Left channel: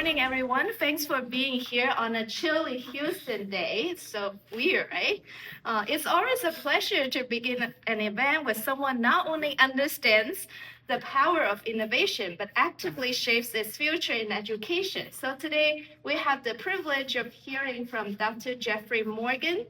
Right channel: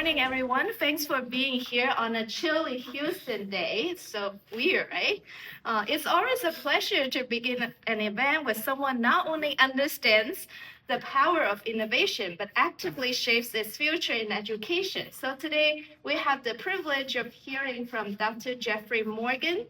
morning, everyone. Thanks for being here on a chilly Houston day. It's so weird, right? It's always a pleasure to begin an event with someone not only understands the power of innovation, but actively shapes its future in education. So today, we have the privilege of hearing from Dr. Provost Morgan,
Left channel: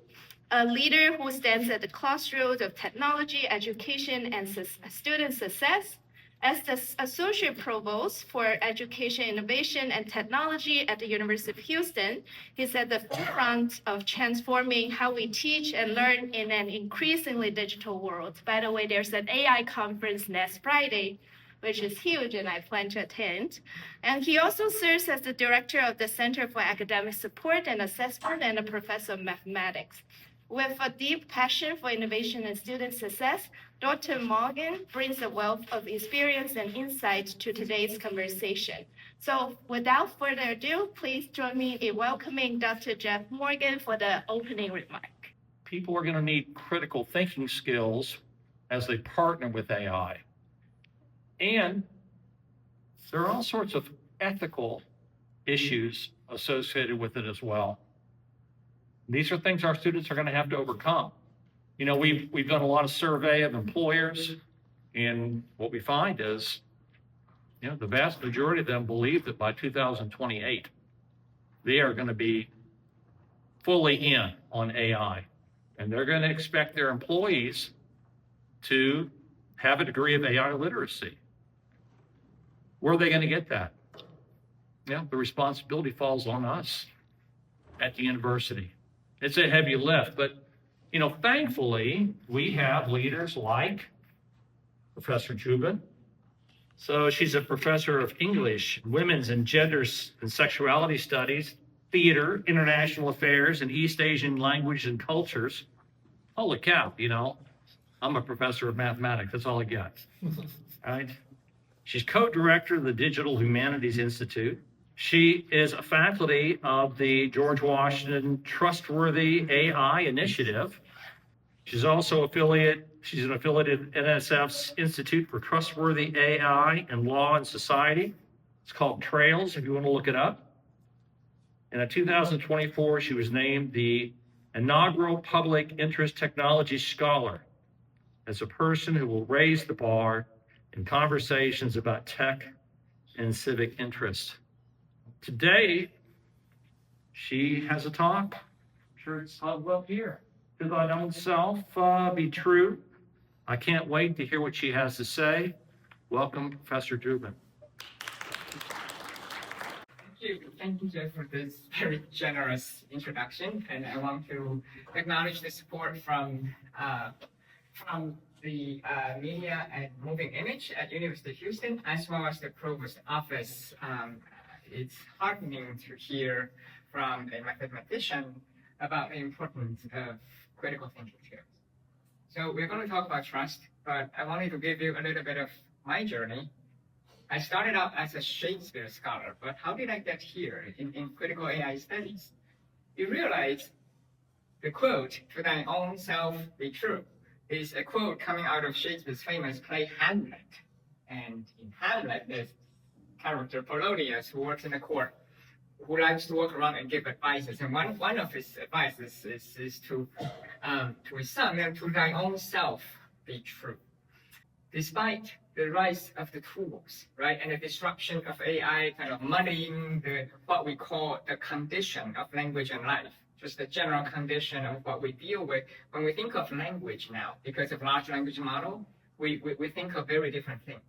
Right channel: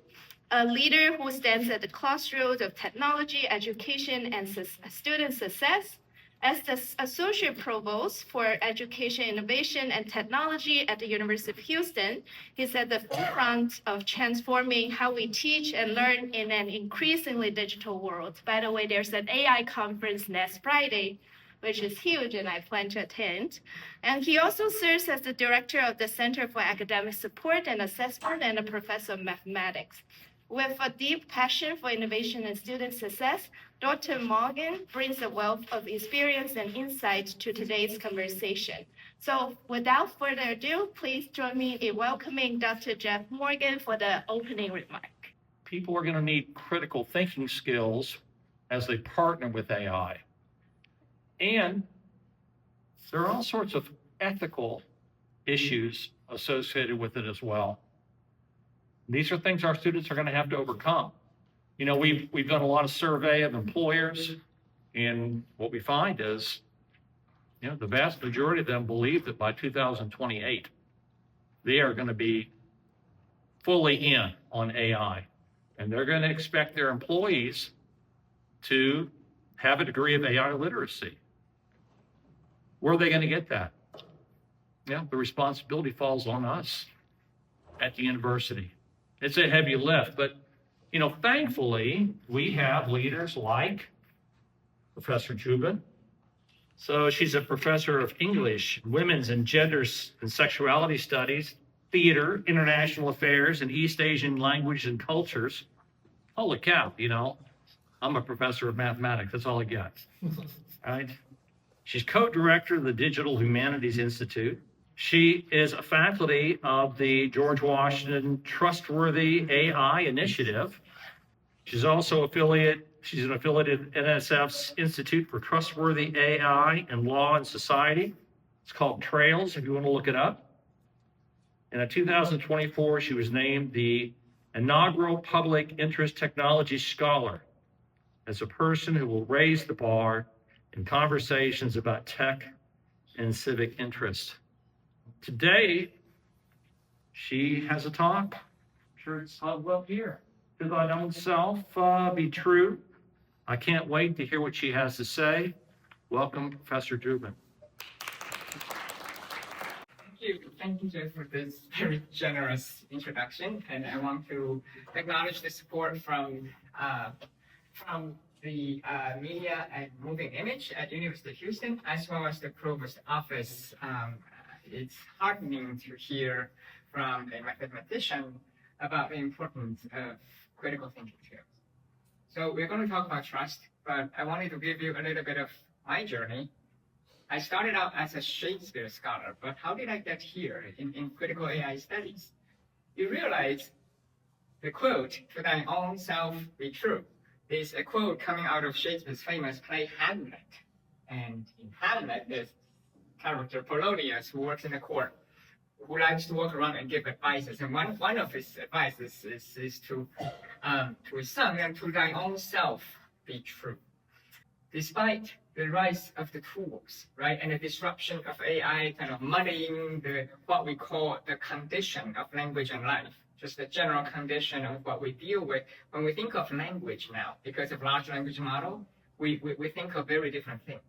a leader who stands at the crossroads of technology, education, and student success. As the Associate Provost for Education, Innovation, and Technology at the University of Houston, he's at the forefront of transforming how we teach and learn in an increasingly digital world. By the way, there's an AI conference next Friday, which is huge, and I plan to attend. And he also serves as the director of the Center for Academic Support and Assessment and a professor of mathematics. With a deep passion for innovation and student success, Dr. Morgan brings a wealth of experience and insight to today's conversation. So without further ado, please join me in welcoming Dr. Provost Morgan for the opening remark. People are going to need critical thinking skills as they partner with AI. And there are all sorts of ethical issues associated with it as well. These are things our students are going to have to overcome. You know, we've done a lot of survey of employers, and what we find is, you know, the vast majority of them believe that by 2028, they are going to be fully in on AI, and they're going to expect their employees to have a degree of AI literacy. Where are they going to get that? Yeah, the responsibility falls on us at the university. It's a heavy lift, but, you know, thankfully, we have leaders like Professor Joubin. So she's a professor of English, women's and genders and sexuality studies, theater, international affairs, and East Asian language and cultures. Holy cow, you know, I'm a professor of mathematics. That's all I got, right? She's co-director of the Digital Humanities Institute. She is a faculty of the George Washington Trustworthy AI Initiative. She's also she's an affiliate of NSF's Institute for Trustworthy AI and Law and Society. It's called Trails, if you want to look it up. And in 2024, she was named the inaugural Public Interest Technology Scholar as a person who will raise the bar in conversations about tech and civic interest. Today, she has a talk. I'm sure it's well here. To thine own self be true. I can't wait to hear what she has to say. Welcome, Professor Joubin. Thank you, Jeff, for this very generous introduction. And I want to acknowledge the support from the Media and Moving Image at University of Houston, as well as the Provost Office. It's heartening to hear from a mathematician about the importance of critical thinking skills. So we're going to talk about trust, but I wanted to give you a little bit of my journey. I started out as a Shakespeare scholar, but how did I get here in critical AI studies? You realize the quote, "To thine own self be true," is a quote coming out of Shakespeare's famous play Hamlet. And in Hamlet, there's character Polonius, who works in the court, who likes to walk around and give advices. And one of his advices is to his son, and to thine own self be true. Despite the rise of the tools, right, and the disruption of AI kind of muddying what we call the condition of language and life, just the general condition of what we deal with. When we think of language now, because of large language model, we think of very different things.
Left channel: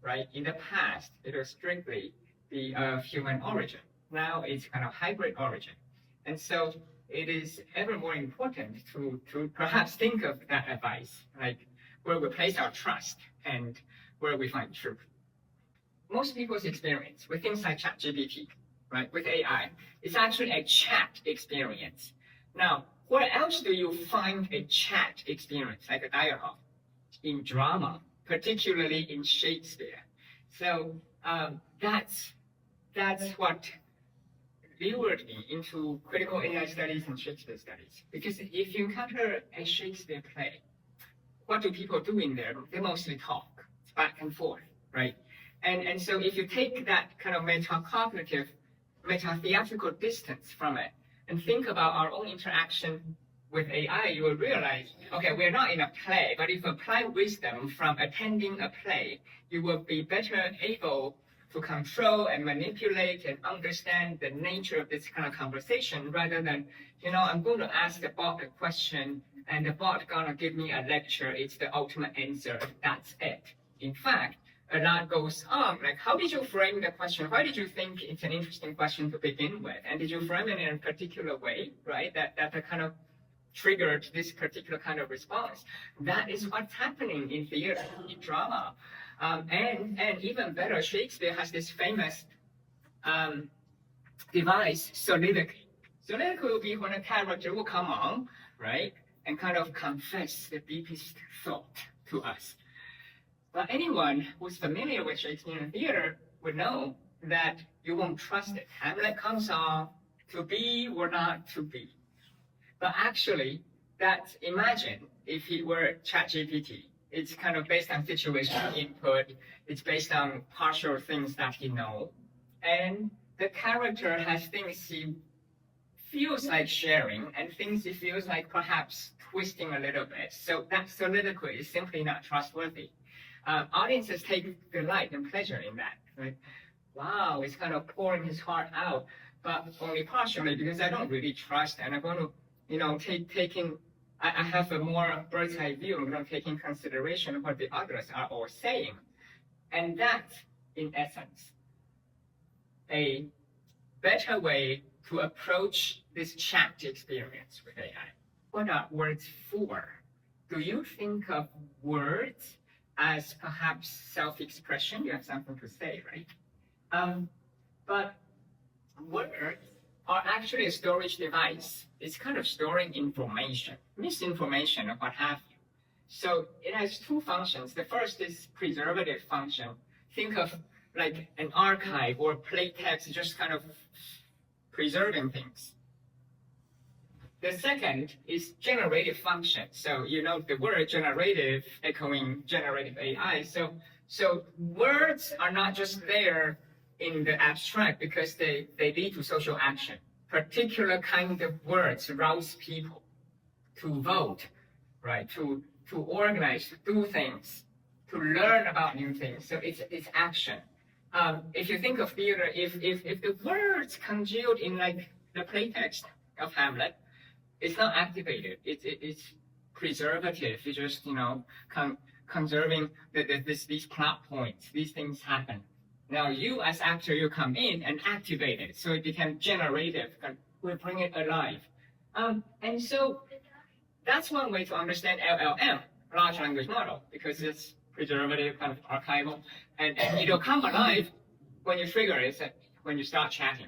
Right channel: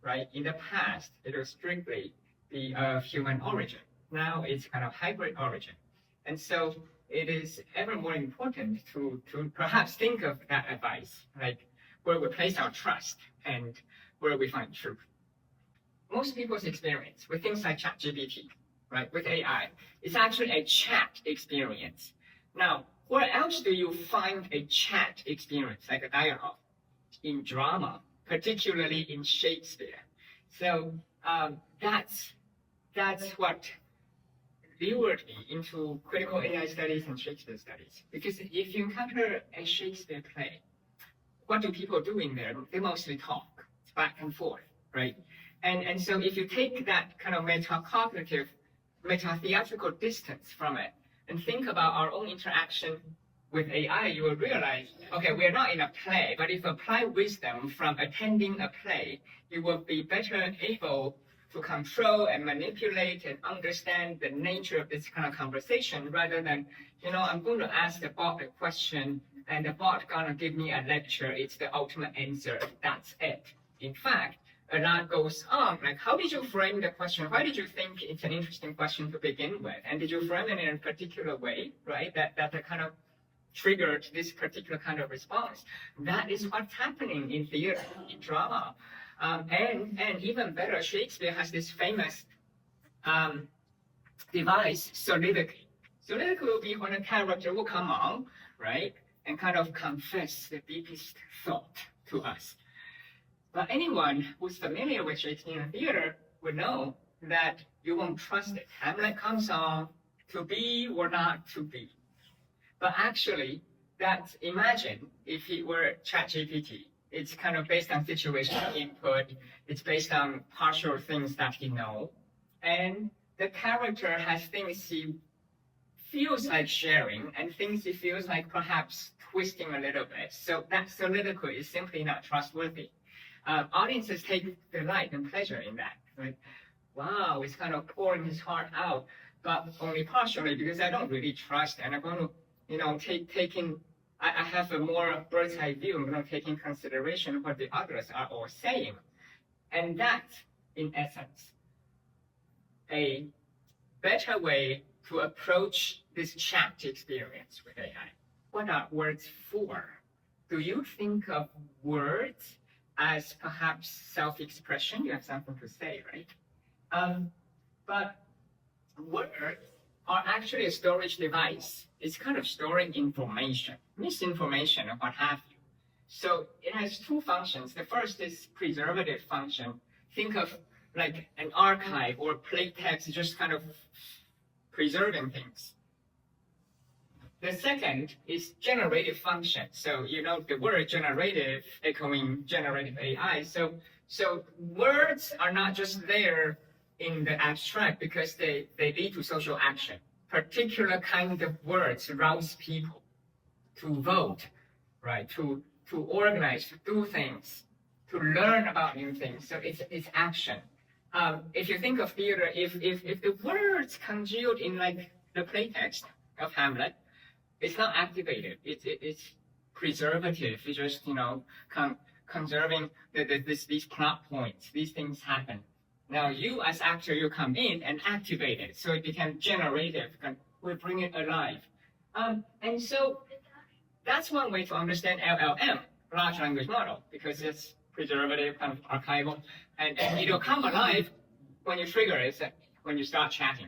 Right? In the past, it was strictly the human origin. Now it's kind of hybrid origin. And so it is ever more important to perhaps think of that advice, like where we place our trust and where we find truth. Most people's experience with things like ChatGPT, right, with AI, it's actually a chat experience. Now, where else do you find a chat experience, like a dialogue? In drama, particularly in Shakespeare. So that's what lured me into critical AI studies and Shakespeare studies. Because if you encounter a Shakespeare play, what do people do in there? They mostly talk. It's back and forth, right? And so if you take that kind of meta-cognitive meta-theatrical distance from it and think about our own interaction with AI, you will realize, okay, we're not in a play, but if you apply wisdom from attending a play, you will be better able to control and manipulate and understand the nature of this kind of conversation rather than, I'm going to ask the bot a question and the bot gonna give me a lecture. It's the ultimate answer. That's it. In fact, a lot goes on. Like, how did you frame the question? Why did you think it's an interesting question to begin with? And did you frame it in a particular way, right? That kind of triggered this particular kind of response. That is what's happening in theater, in drama. And even better, Shakespeare has this famous device, soliloquy. Soliloquy will be when a character will come on, right, and kind of confess the deepest thought to us. But anyone who's familiar with Shakespearean theater would know that you won't trust it. Hamlet comes on to be or not to be. But actually, imagine if it were ChatGPT. It's kind of based on situational input. It's based on partial things that he knows. And the character has things he feels like sharing and things he feels like perhaps twisting a little bit. So that soliloquy is simply not trustworthy. Audiences take delight and pleasure in that. Right? Wow, it's kind of pouring his heart out, but only partially because I don't really trust, and I'm going to I have a more bird's eye view, taking consideration of what the others are all saying. And that's, in essence, a better way to approach this chat experience with AI. What are words for? Do you think of words as perhaps self-expression? You have something to say, right? But words are actually a storage device. It's kind of storing information, misinformation, or what have you. So it has two functions. The first is preservative function. Think of like an archive or plain text, just kind of preserving things. The second is generative function. So the word generative echoing generative AI. So words are not just there in the abstract because they lead to social action. Particular kind of words rouse people to vote, right? To organize, to do things, to learn about new things. So it's action. If you think of theater, if the words congealed in like the playtext of Hamlet, it's not activated. It's preservative. It's just conserving these plot points. These things happen. Now you as actor, you come in and activate it. So it becomes generative. We bring it alive. And so that's one way to understand LLM, large language model, because it's preservative, kind of archival. And it'll come alive when you trigger it, when you start chatting.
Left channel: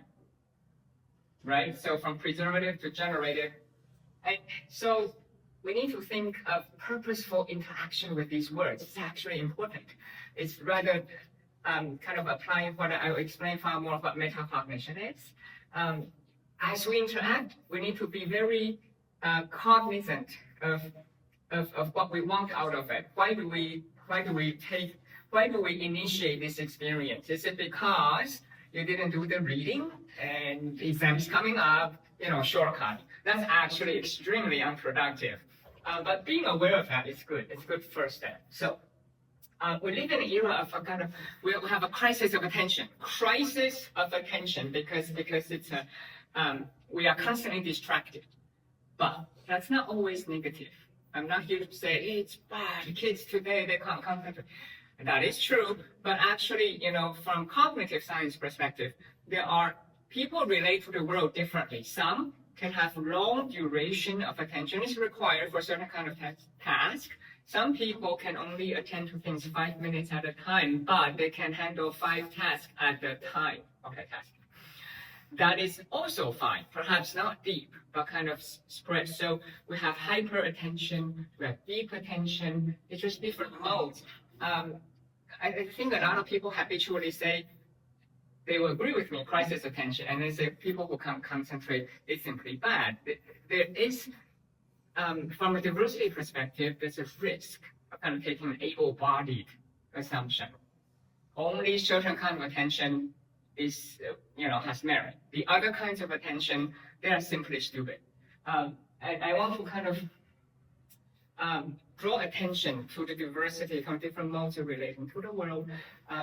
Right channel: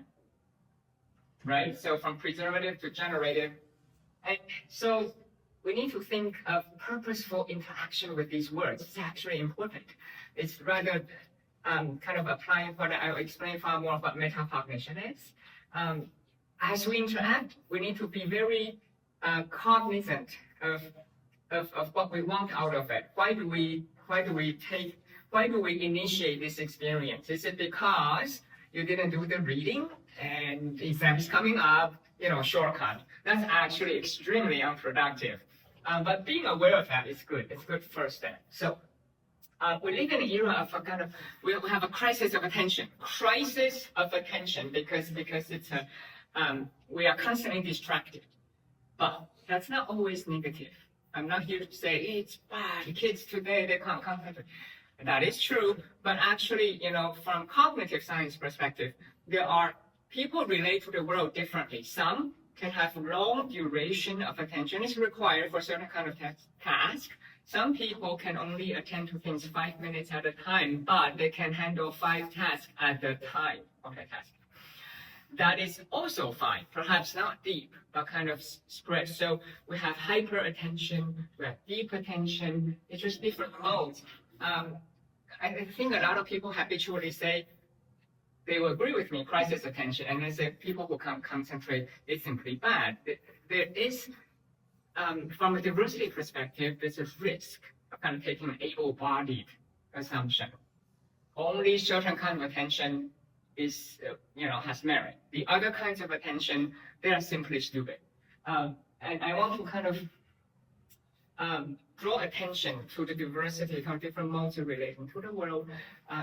Right? So from preservative to generative. And so we need to think of purposeful interaction with these words. It's actually important. It's rather kind of applying what I'll explain far more what meta-cognition is. As we interact, we need to be very cognizant of what we want out of it. Why do we initiate this experience? Is it because you didn't do the reading and the exam is coming up, shortcut? That's actually extremely unproductive. But being aware of that is good. It's a good first step. So we live in an era of we have a crisis of attention. Crisis of attention because it's we are constantly distracted. But that's not always negative. I'm not here to say it's bad. Kids today, they can't concentrate. That is true. But actually, from cognitive science perspective, there are people relate to the world differently. Some can have long duration of attention is required for certain kind of task. Some people can only attend to things 5 minutes at a time, but they can handle 5 tasks at a time. Okay, task. That is also fine. Perhaps not deep, but kind of spread. So we have hyper attention, we have deep attention. It's just different modes. I think a lot of people habitually say, they will agree with me, crisis attention, and they say people who can't concentrate, it's simply bad. There is, from a diversity perspective, there's a risk of kind of taking an able-bodied assumption. Only certain kind of attention is, has merit. The other kinds of attention, they are simply stupid. And I want to kind of draw attention to the diversity from different modes of relating to the world.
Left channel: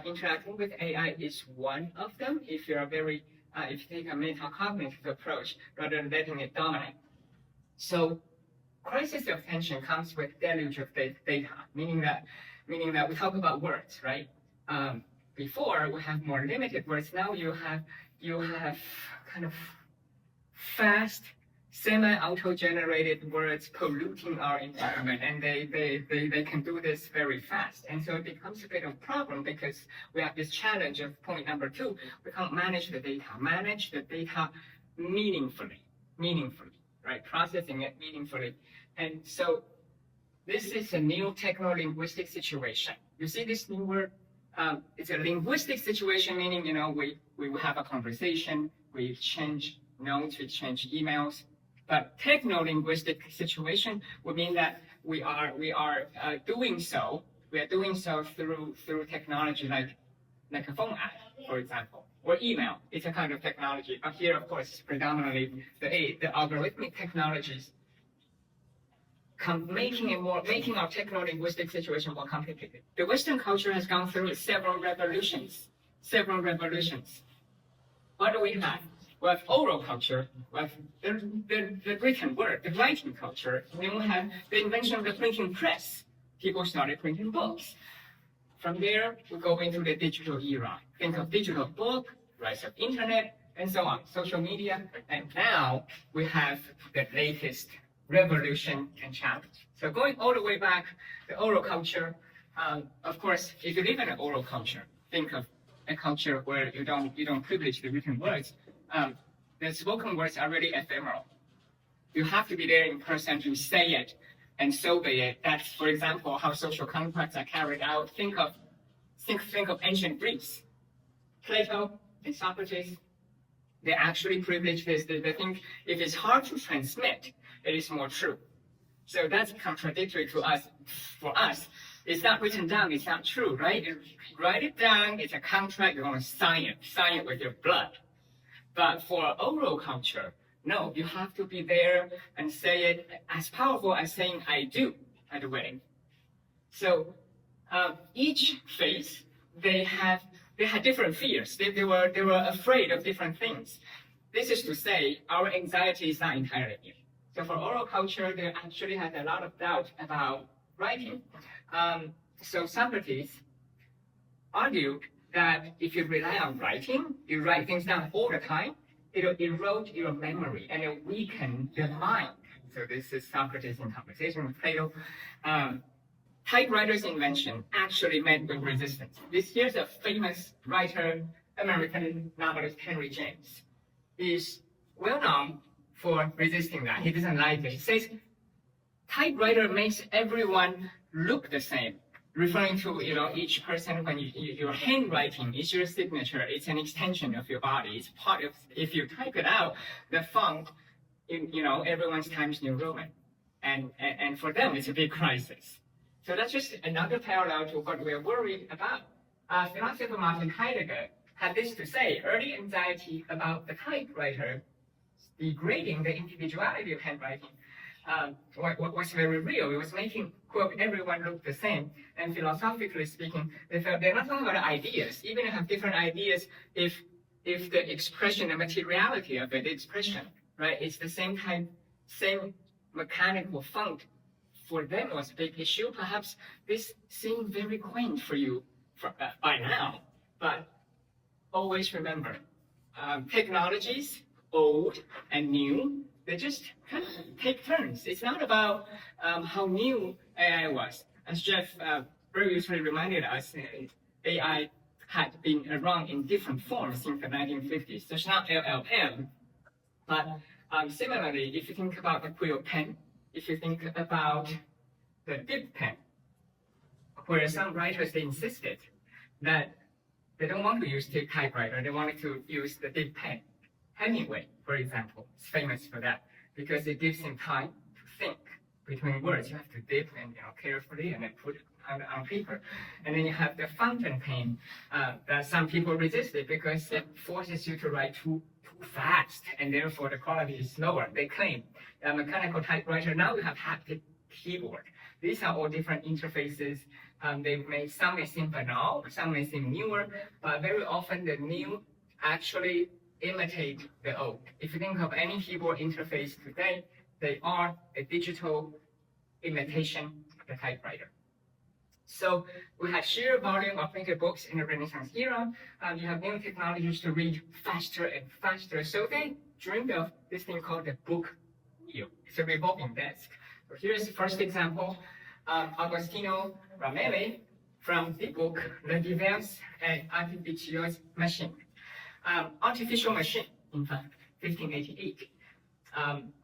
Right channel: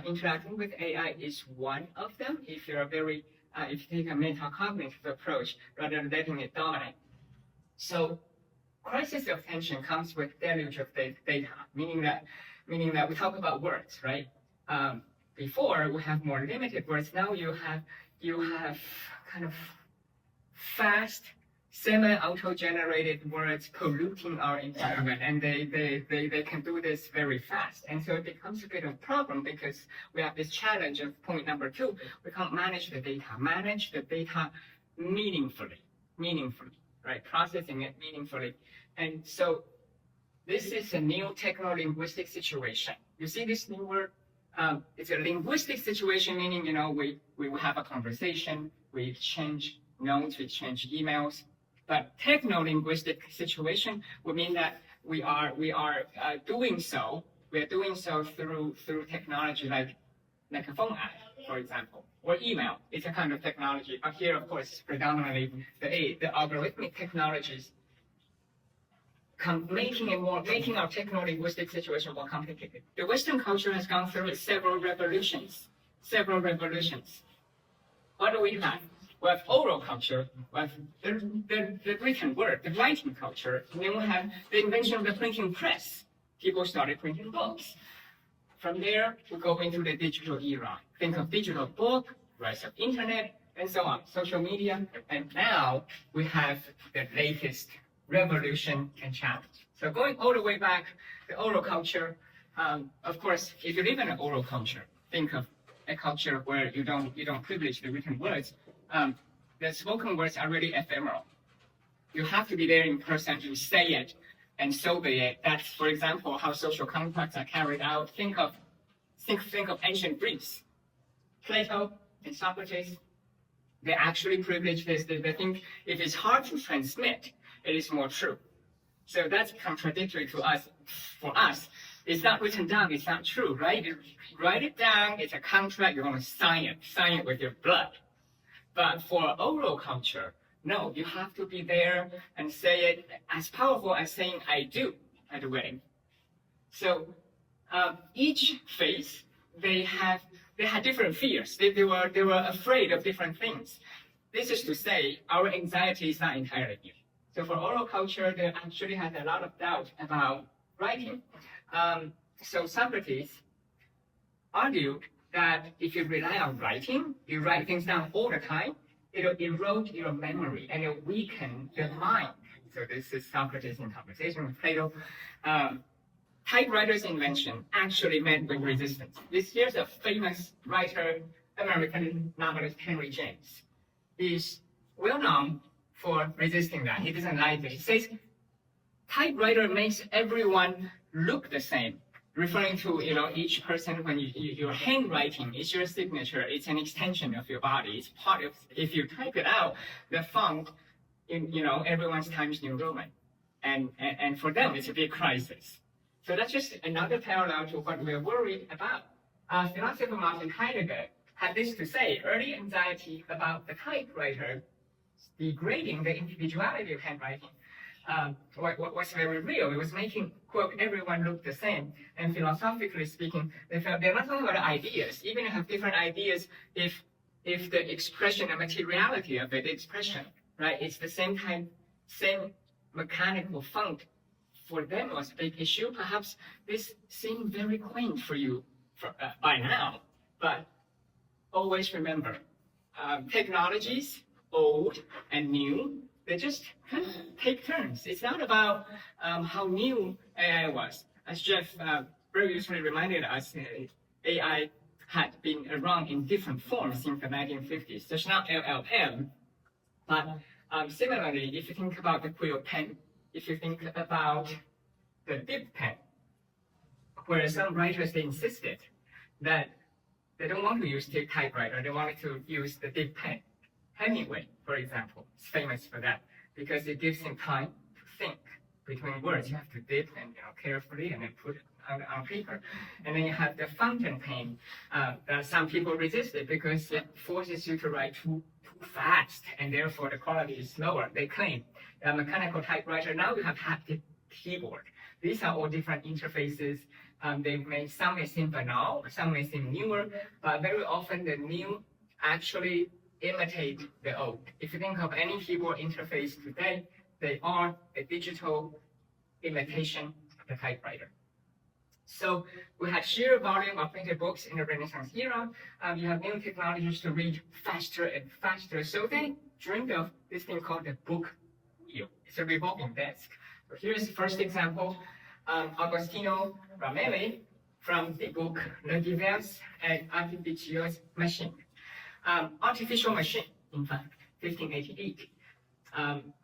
Interacting with AI is one of them. If you're if you take a meta-cognitive approach rather than letting it dominate. So, crisis of attention comes with deluge of data, meaning that we talk about words, right? Before we have more limited words. Now you have kind of fast, semi-auto-generated words polluting our environment, and they can do this very fast. And so it becomes a bit of a problem because we have this challenge of point number 2. We can't manage the data meaningfully, right? Processing it meaningfully. And so this is a new techno-linguistic situation. You see this new word? It's a linguistic situation, meaning, we have a conversation, we exchange notes, we exchange emails. But techno-linguistic situation would mean that we are doing so. We are doing so through technology like a phone app, for example, or email. It's a kind of technology. But here, of course, predominantly the algorithmic technologies making our techno-linguistic situation more complicated. The Western culture has gone through several revolutions. What do we have? We have oral culture. We have the written word, the writing culture. And then we have the invention of the printing press. People started printing books. From there, we go into the digital era. Think of digital book, rise of internet, and so on, social media. And now we have the latest revolution and challenge. So going all the way back, the oral culture. Of course, if you live in an oral culture, think of a culture where you don't privilege the written words. The spoken words are really ephemeral. You have to be there in person to say it and so be it. That's, for example, how social contracts are carried out. Think of ancient Greece. Plato and Socrates, they actually privilege this. They think if it's hard to transmit, it is more true. So that's contradictory to us. For us, it's not written down, it's not true, right? You write it down, it's a contract, you're going to sign it with your blood. But for oral culture, no, you have to be there and say it as powerful as saying I do at the wedding. So each phase, they had different fears. They were afraid of different things. This is to say, our anxiety is not entirely new. So for oral culture, they actually had a lot of doubt about writing. So Socrates argued that if you rely on writing, you write things down all the time, it'll erode your memory and it'll weaken your mind. So this is Socrates in conversation with Plato. Typewriter's invention actually met with resistance. Here's a famous writer, American novelist Henry James. He's well known for resisting that. He doesn't like it. He says, typewriter makes everyone look the same, referring to each person when your handwriting is your signature. It's an extension of your body. It's part of. If you type it out, the font in everyone's Times New Roman, and for them it's a big crisis. So that's just another parallel to what we're worried about. Philosopher Martin Heidegger had this to say: early anxiety about the typewriter degrading the individuality of handwriting was very real. It was making, quote, everyone look the same. And philosophically speaking, they felt they're not talking about ideas. Even if you have different ideas, if the expression, the materiality of it, the expression, right, it's the same mechanical font. For them, it was a big issue. Perhaps this seemed very quaint for you by now. But always remember, technologies, old and new, they just kind of take turns. It's not about how new AI was. As Jeff previously reminded us, AI had been around in different forms since the 1950s. So it's not LLM. But similarly, if you think about the quill pen, if you think about the dip pen, where some writers, they insisted that they don't want to use the typewriter, they wanted to use the dip pen. Hemingway, for example, is famous for that because it gives him time to think between words. You have to dip and carefully and then put it on paper. And then you have the fountain pen that some people resist it because it forces you to write too fast, and therefore the quality is lower. They claim that mechanical typewriter, now you have haptic keyboard. These are all different interfaces. Some may seem banal, some may seem newer, but very often the new actually imitate the old. If you think of any keyboard interface today, they are a digital imitation of the typewriter. So we have sheer volume of printed books in the Renaissance era. You have new technologies to read faster and faster. So they dreamed of this thing called the book wheel. It's a revolving desk. So here's the first example. Agostino Ramelli from the book Le Divers et Artificieux Machines. Artificial machine, in fact, 1588.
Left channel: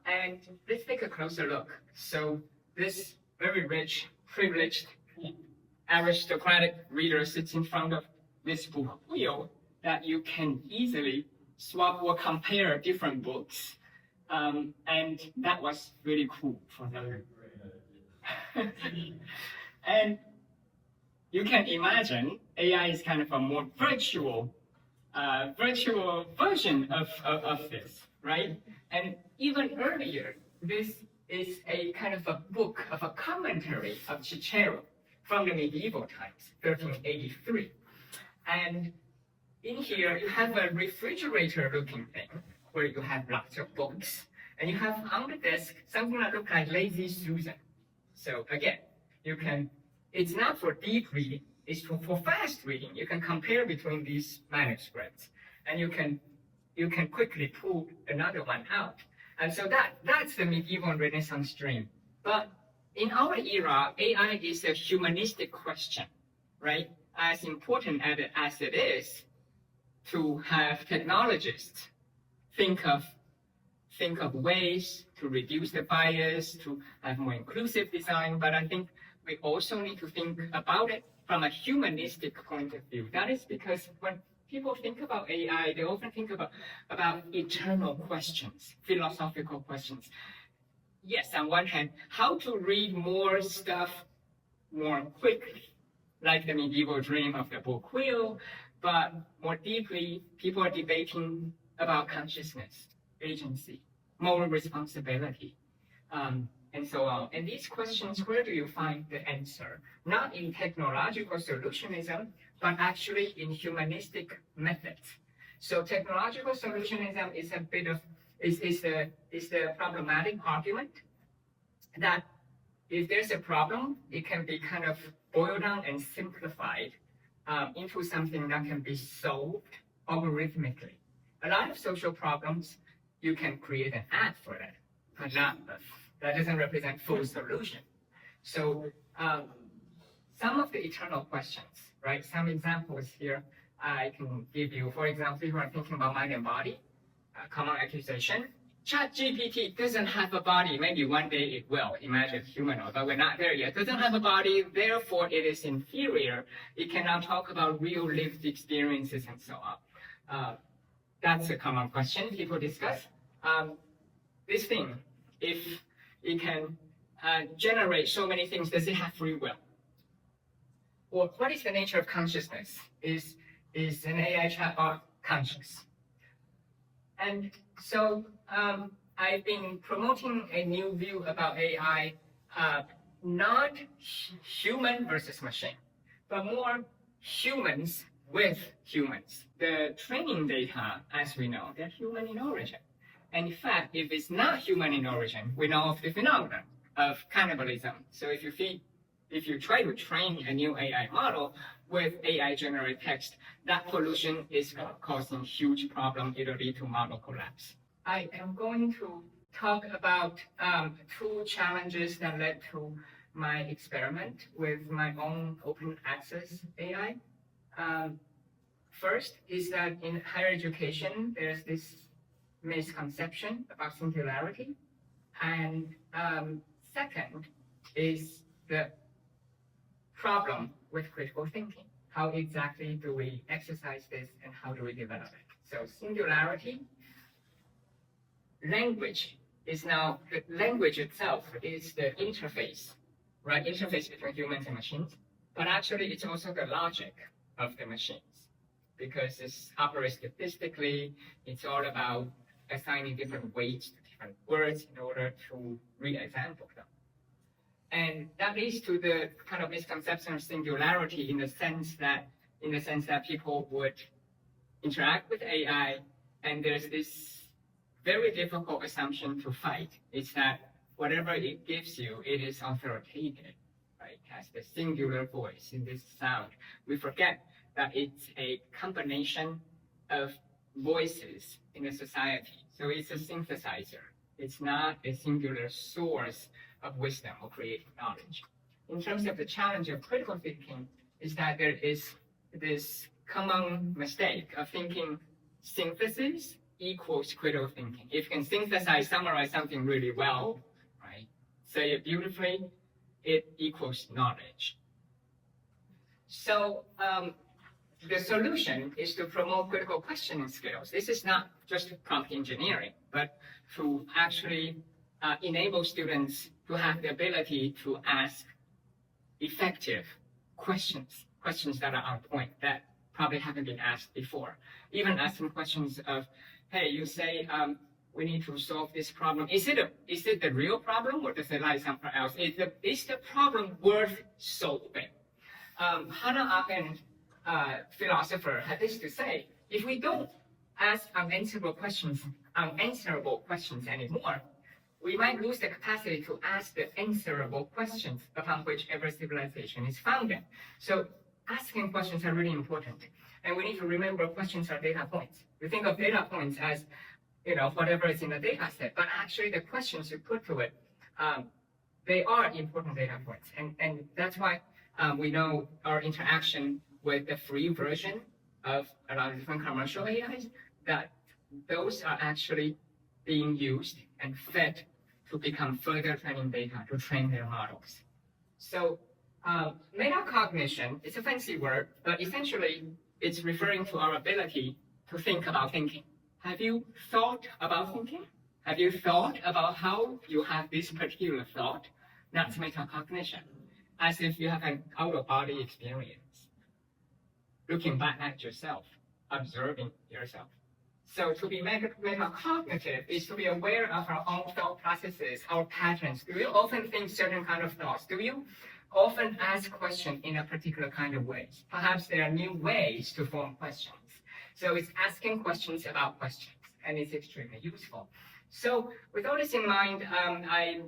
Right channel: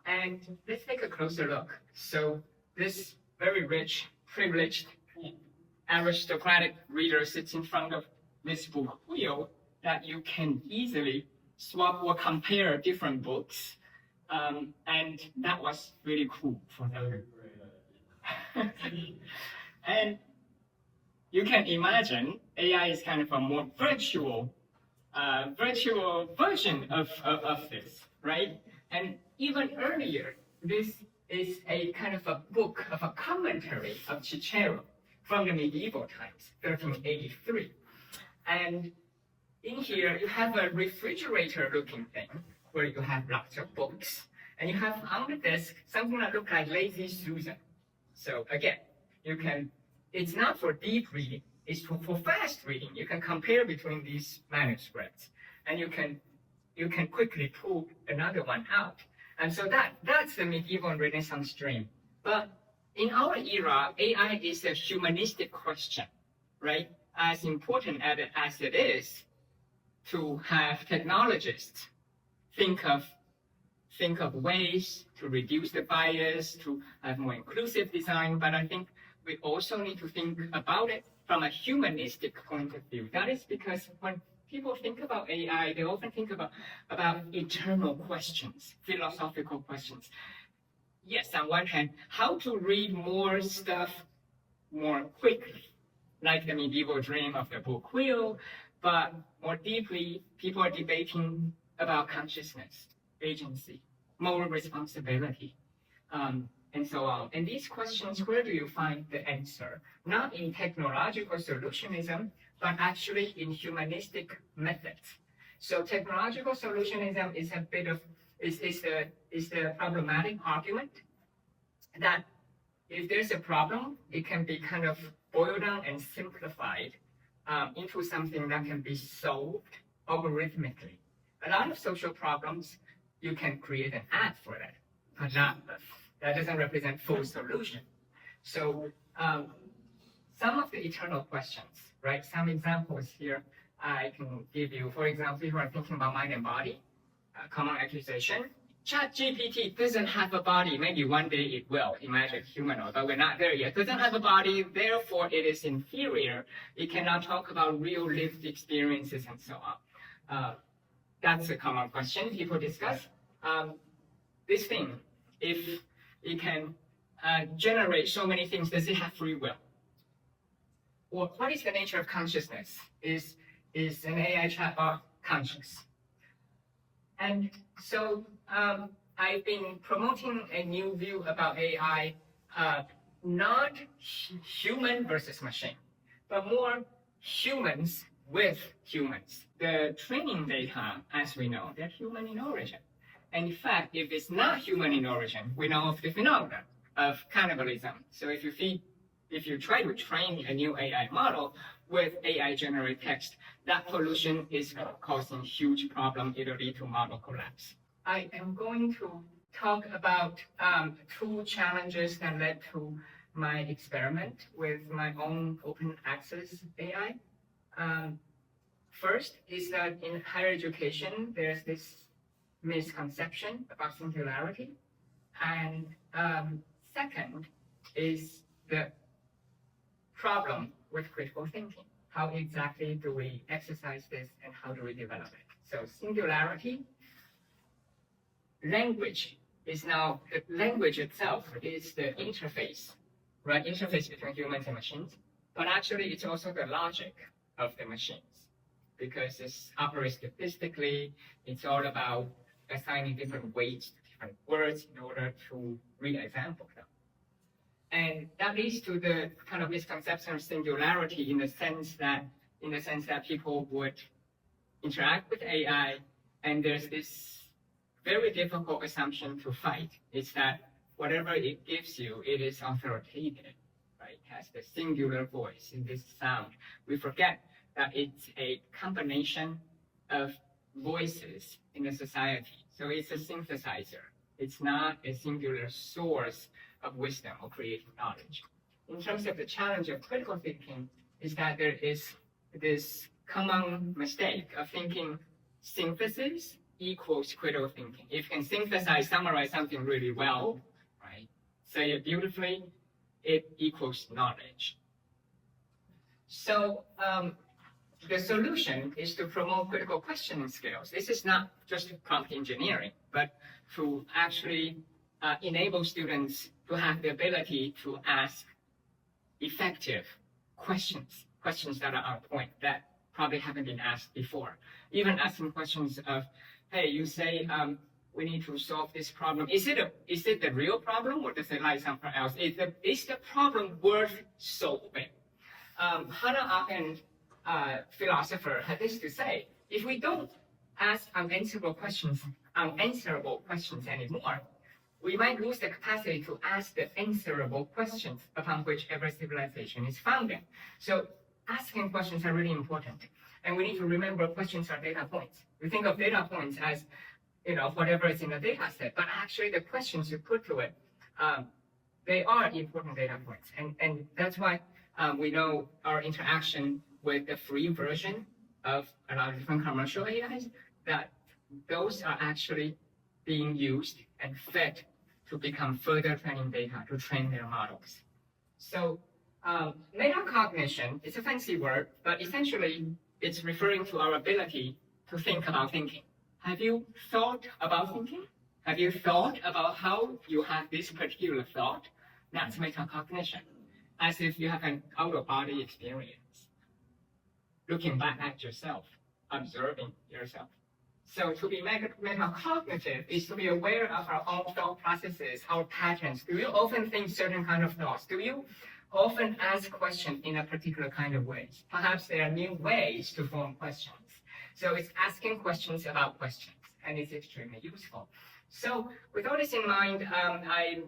And let's take a closer look. So this very rich, privileged, aristocratic reader sits in front of this book wheel that you can easily swap or compare different books. And that was really cool for them. And you can imagine AI is kind of a more virtual version of this, right? And even earlier, this is a kind of a book of a commentary of Cicero from the medieval times, 1383. And in here, you have a refrigerator-looking thing where you have lots of books. And you have on the desk something that looks like Lazy Susan. So again, it's not for deep reading, it's for fast reading. You can compare between these manuscripts, and you can quickly pull another one out. And so that's the medieval and Renaissance dream. But in our era, AI is a humanistic question, right? As important as it is to have technologists think of ways to reduce the bias, to have more inclusive design, but I think we also need to think about it from a humanistic point of view. That is because when people think about AI, they often think about eternal questions, philosophical questions. Yes, on one hand, how to read more stuff more quickly, like the medieval dream of the book wheel, but more deeply, people are debating about consciousness, agency, moral responsibility, and so on. And these questions, where do you find the answer? Not in technological solutionism, but actually in humanistic methods. So technological solutionism is the problematic argument that if there's a problem, it can be kind of boiled down and simplified into something that can be solved algorithmically. A lot of social problems, you can create an app for that, but that doesn't represent full solution. So some of the eternal questions, right? Some examples here I can give you. For example, you are thinking about mind and body, common accusation. ChatGPT doesn't have a body. Maybe one day it will. Imagine humanoid, but we're not there yet. Doesn't have a body, therefore it is inferior. It cannot talk about real lived experiences and so on. That's a common question people discuss. This thing, if it can generate so many things, does it have free will? Or what is the nature of consciousness? Is an AI chatbot conscious? And so I've been promoting a new view about AI, not human versus machine, but more humans with humans. The training data, as we know, they're human in origin. And in fact, if it's not human in origin, we know of the phenomenon of cannibalism. So if you try to train a new AI model with AI generated text, that pollution is causing huge problem. It'll lead to model collapse. I am going to talk about two challenges that led to my experiment with my own open access AI. First is that in higher education, there's this misconception about singularity. And second is the problem with critical thinking. How exactly do we exercise this and how do we develop it? So singularity, language is now the language itself is the interface, right? Interface between humans and machines. But actually, it's also the logic of the machines, because it's operates statistically. It's all about assigning different weights to different words in order to re-example them. And that leads to the kind of misconception of singularity in the sense that people would interact with AI, and there's this very difficult assumption to fight. It's that whatever it gives you, it is authoritative, right? It has the singular voice in this sound. We forget that it's a combination of voices in a society. So it's a synthesizer. It's not a singular source of wisdom or creative knowledge. In terms of the challenge of critical thinking, is that there is this common mistake of thinking synthesis equals critical thinking. If you can synthesize, summarize something really well, right, say it beautifully, it equals knowledge. So the solution is to promote critical questioning skills. This is not just prompt engineering, but to actually enable students to have the ability to ask effective questions that are on point, that probably haven't been asked before. Even asking questions of, hey, you say we need to solve this problem. Is it the real problem, or does it lie somewhere else? Is the problem worth solving? Hannah Arendt, philosopher, had this to say: if we don't ask unanswerable questions anymore, we might lose the capacity to ask the answerable questions upon which every civilization is founded. So asking questions are really important. And we need to remember questions are data points. We think of data points as, whatever is in the data set, but actually the questions you put to it, they are important data points. And that's why we know our interaction with the free version of a lot of different commercial AIs, that those are actually being used and fed to become further training data to train their models. So meta-cognition is a fancy word, but essentially it's referring to our ability to think about thinking. Have you thought about thinking? Have you thought about how you have this particular thought? That's meta-cognition, as if you have an out-of-body experience, looking back at yourself, observing yourself. So to be meta-cognitive is to be aware of our own thought processes, our patterns. Do you often think certain kind of thoughts? Do you often ask questions in a particular kind of way? Perhaps there are new ways to form questions. So it's asking questions about questions, and it's extremely useful. So with all this in mind, I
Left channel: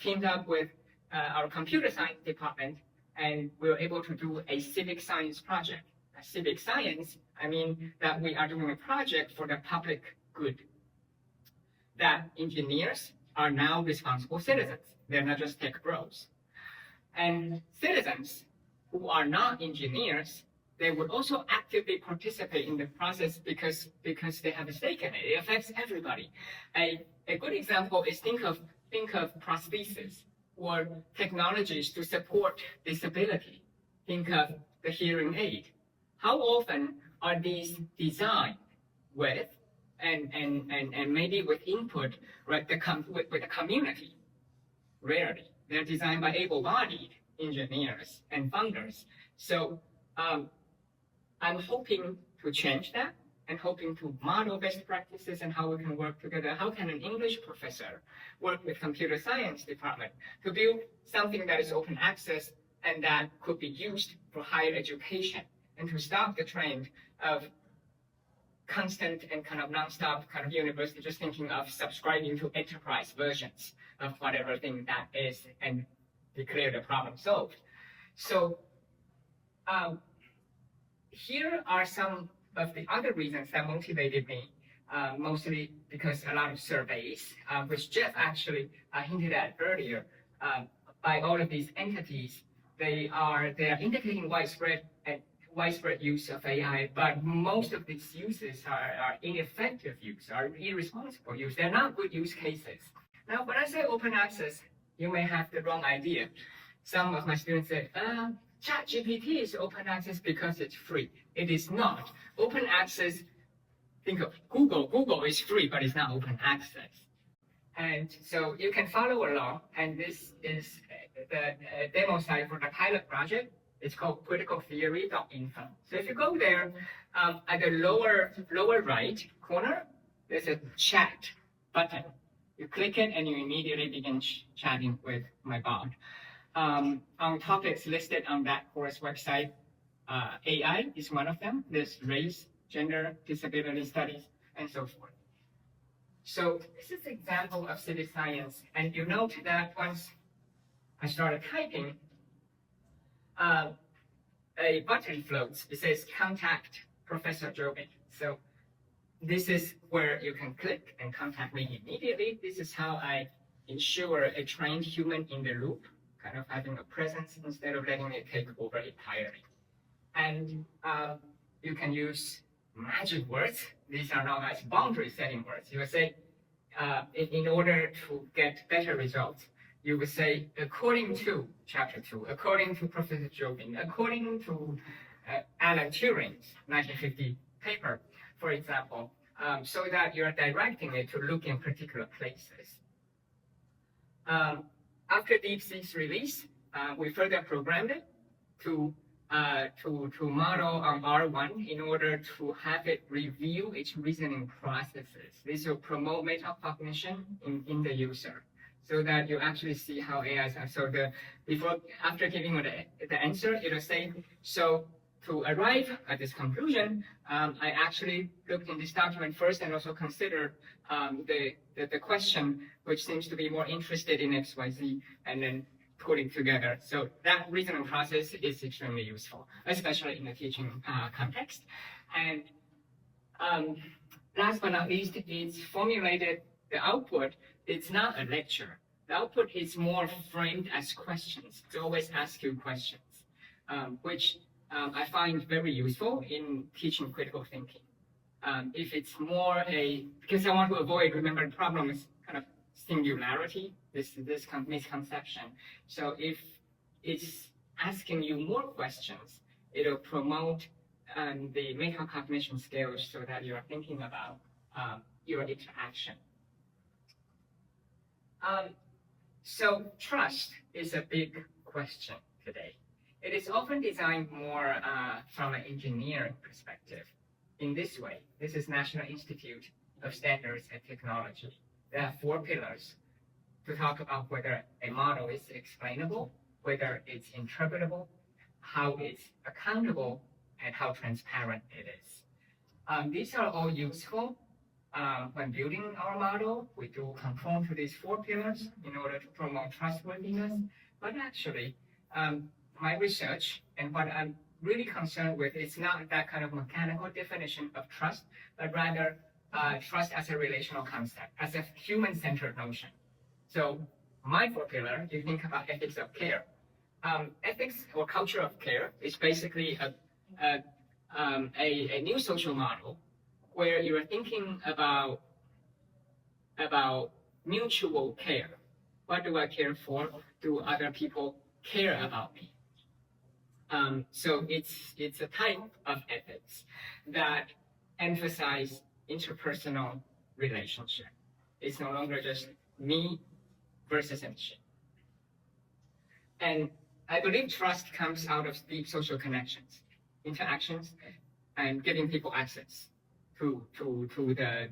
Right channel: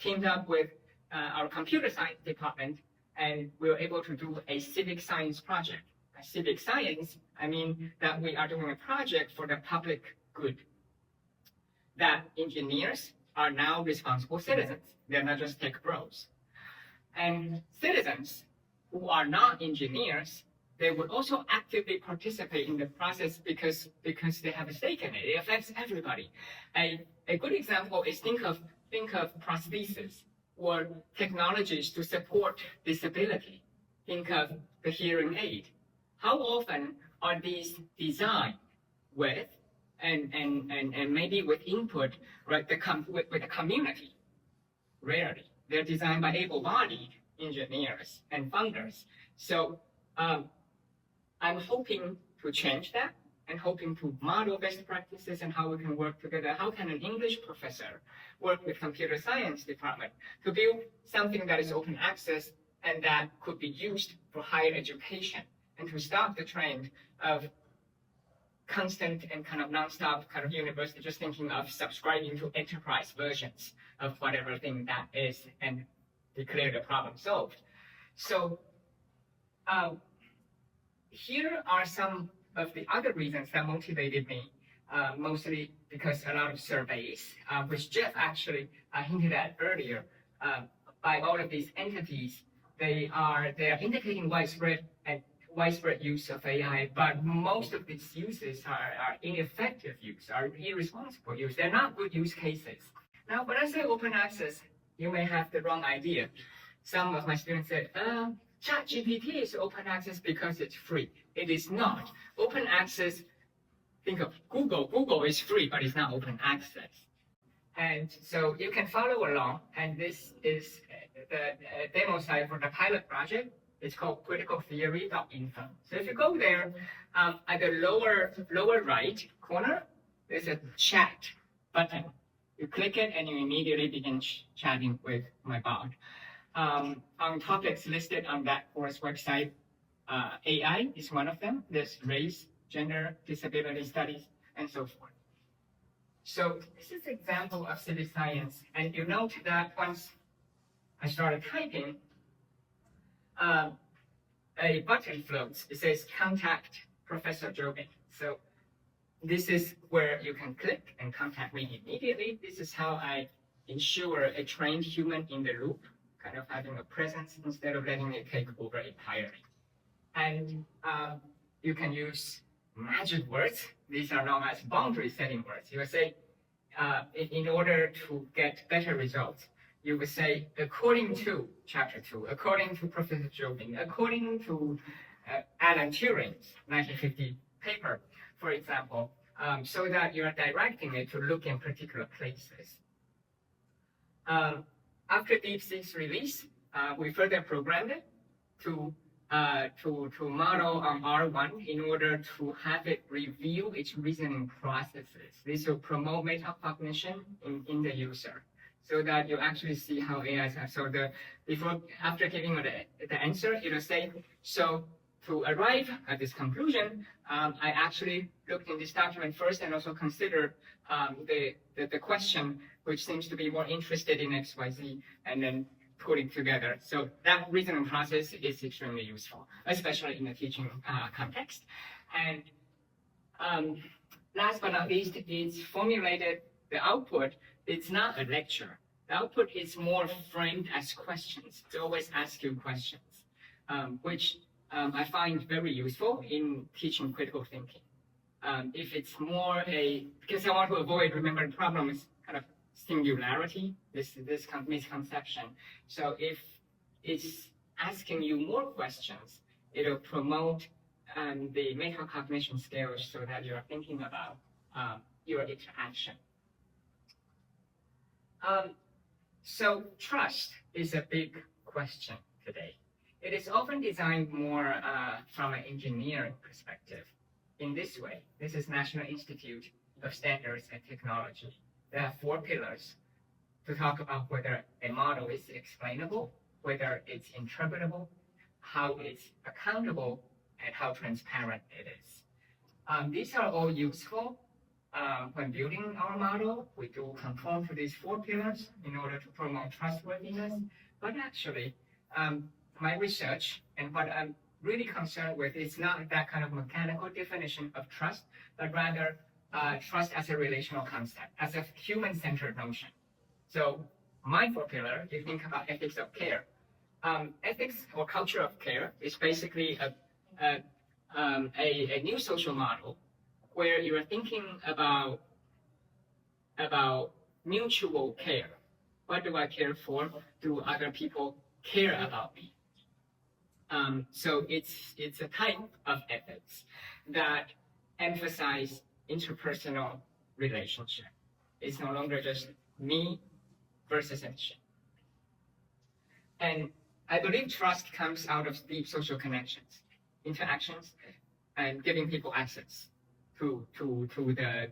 teamed up with our computer science department, and we were able to do a civic science project. Civic science, I mean that we are doing a project for the public good. That engineers are now responsible citizens. They're not just tech bros. And citizens who are not engineers, they would also actively participate in the process because they have a stake in it. It affects everybody. A good example is think of prosthesis or technologies to support disability. Think of the hearing aid. How often are these designed with and maybe with input with the community? Rarely. They're designed by able-bodied engineers and funders. So I'm hoping to change that and hoping to model best practices and how we can work together. How can an English professor work with computer science department to build something that is open access and that could be used for higher education, and to stop the trend of constant and kind of nonstop kind of university just thinking of subscribing to enterprise versions of whatever thing that is and declare the problem solved. So here are some of the other reasons that motivated me, mostly because a lot of surveys, which Jeff actually hinted at earlier, by all of these entities, they are indicating widespread use of AI, but most of these uses are ineffective use, are irresponsible use. They're not good use cases. Now, when I say open access, you may have the wrong idea. Some of my students say, ChatGPT is open access because it's free. It is not. Open access, think of Google. Google is free, but it's not open access. And so you can follow along. And this is the demo site for the pilot project. It's called criticaltheory.info. So if you go there, at the lower right corner, there's a chat button. You click it and you immediately begin chatting with my bot. On topics listed on that course website, AI is one of them. There's race, gender, disability studies, and so forth. So this is an example of civic science. And you note that once I started typing, a button floats. It says contact Professor Joubin. So this is where you can click and contact me immediately. This is how I ensure a trained human in the loop, kind of having a presence instead of letting it take over entirely. And you can use magic words. These are known as boundary setting words. You will say, in order to get better results, you would say, according to chapter 2, according to Professor Joubin, according to Alan Turing's 1950 paper, for example, so that you're directing it to look in particular places. After DeepSeek's release, we further programmed it to model on R1 in order to have it review its reasoning processes. This will promote meta-cognition in the user, so that you actually see how AIs are. So after giving the answer, it will say, so to arrive at this conclusion, I actually looked in this document first and also considered the question, which seems to be more interested in XYZ, and then putting together. So that reasoning process is extremely useful, especially in the teaching context. And last but not least, it's formulated the output. It's not a lecture. The output is more framed as questions. We always ask you questions, which I find very useful in teaching critical thinking. If it's more because I want to avoid, remember, the problem is kind of singularity, this misconception. So if it's asking you more questions, it'll promote the meta-cognition skills so that you're thinking about your interaction. So trust is a big question today. It is often designed more from an engineering perspective. In this way, this is National Institute of Standards and Technology. There are 4 pillars to talk about whether a model is explainable, whether it's interpretable, how it's accountable, and how transparent it is. These are all useful when building our model. We do conform to these 4 pillars in order to promote trustworthiness. But actually, my research and what I'm really concerned with is not that kind of mechanical definition of trust, but rather trust as a relational concept, as a human-centered notion. So my 4 pillar, you think about ethics of care. Ethics or culture of care is basically a new social model where you are thinking about mutual care. What do I care for? Do other people care about me? So it's a type of ethics that emphasize interpersonal relationship. It's no longer just me versus a machine. And I believe trust comes out of deep social connections, interactions, and giving people access to the